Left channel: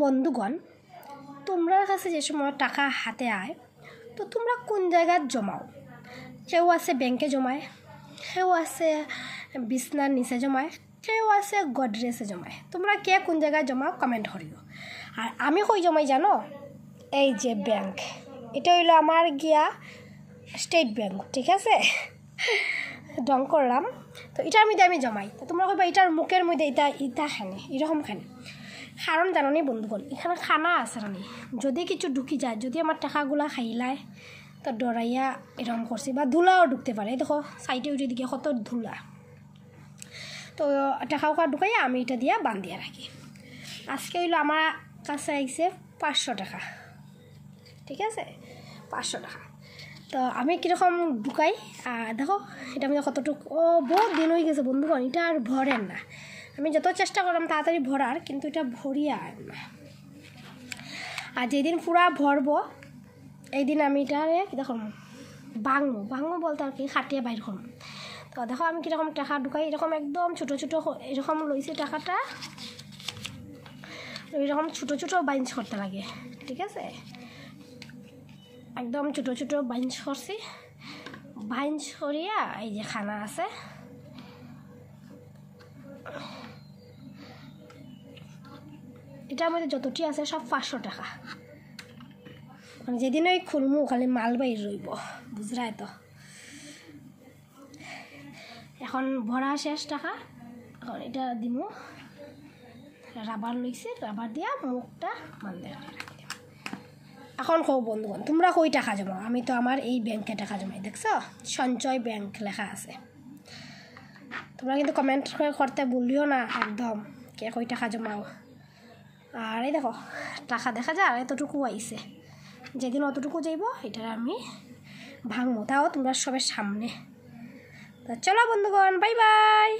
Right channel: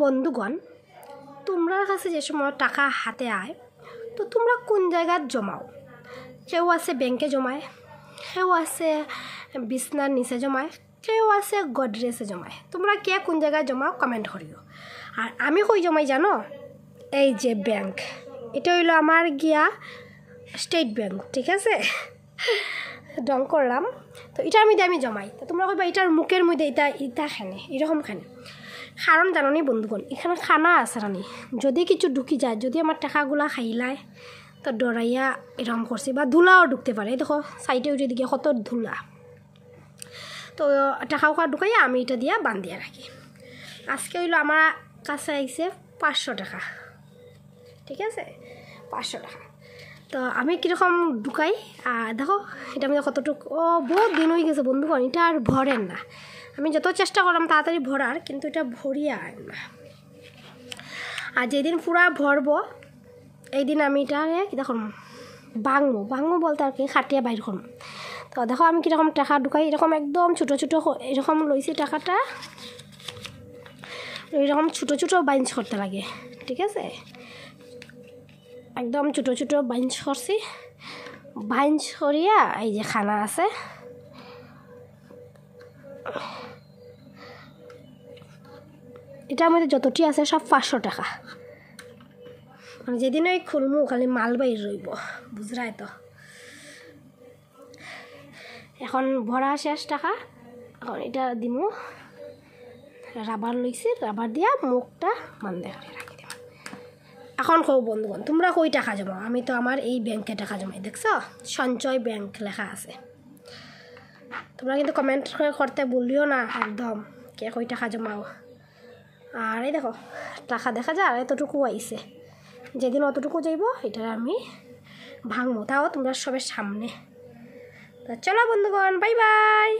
বন্ধুগণ, তোমরা কাছে যে সময় টাকা হাতে আয় তো তোমরা কোন জায়গায় জমাও? কেউ আছে ব্যাংকে জমায়, কেউ আছে বিছনার নিচে জমায়, কেউ আছে গডরেজে জমায়। তোমরা কে কোন জায়গায় জমাও কমেন্ট করিও। আর আমি কই জমাই জানো? এই যে ব্যাংক, এটা হইলো আমার গিয়া স্টেট ব্যাংক, ঠিক আছে? ডং করলাম তো এটার মধ্যে আমি জমাই। তো তোমরা কইবা এটার মুখের মধ্যে ইটা খানে এরকম খানে, কারণ জানো নি বন্ধুগণ, এখানে খানা আছে রানি। যদি কিছু ঢুকি যায়, যদি আমার টাকাগুলা খাইলায় তো ডরাইয়া এরকম করছি, বা ধুলাও ঢুকতে পারে। দেখো সাইডে উঠে দিকে কত ধুলা। তো টাকা ঢুকাইয়া আমি এটা দিয়া বান্ধিয়া রাখি। আজকে হইলো আমার কাছে আইছে 500 টাকা, ঠিক আছে? 500 টাকা। তো আমি কীরকম ঢুকাই দেখো, এটা আমি কতটুকু বহুত দিন হয়ে গেছে বন্ধুগণ, এটা আর ভরেন না। আমি যত চেষ্টা করলাম তাড়াতাড়ি ভরার, কিন্তু এটা ভরিয়া আর না। আর যেদিন পুরা ভরবো এই দিন আমি এটা দেখো ভাঙবো বলতে আর কি খাটিয়ে বাইর করবো। তো দেখো আমি কীরকম টাকা ঢুকাই, এরকম একদম ছোটো ছোটো এরকম লইছি টাকাটা, এরকম ছোটো ছোটো বাইঞ্চ করতে লাগে, ঠিক আছে? একদম ছোটো ছোটো বাইঞ্চ করছি। বাইঞ্চ করিয়া এই যে খানা আছে, এটার মধ্যে যতটি আছে সব 500 টাকা। মানে যেদিন ওই খুলমু খালি মাল বাইর রইব, বুঝরাই তো? এখন ভরা শেষ টাকা, এখন এটা দিমু। রাবার লইছি, রাবার দিয়া মুখটা বন্ধ করে রাখি দিব। এখন কও বন্ধুগণ, তোমরা কই টাকা জমাও? আমি তো আমার এই ব্যাংকে টাকা জমাই, দেখছো সঞ্চয় ব্যাংক লেখা আছে। তোমরা কিন্তু কমেন্ট করতে ভুলিও না একদম, কে কই টাকা জমাও। আর এই দেখো টাকা দেখা যায়, আর এতটুকু আইছে। যেদিন অতটুকু যাইব এটা আমি ভাঙবো, তাও তোমরা সবের সামনে। তো চলো বন্ধুগণ, বাই বাই।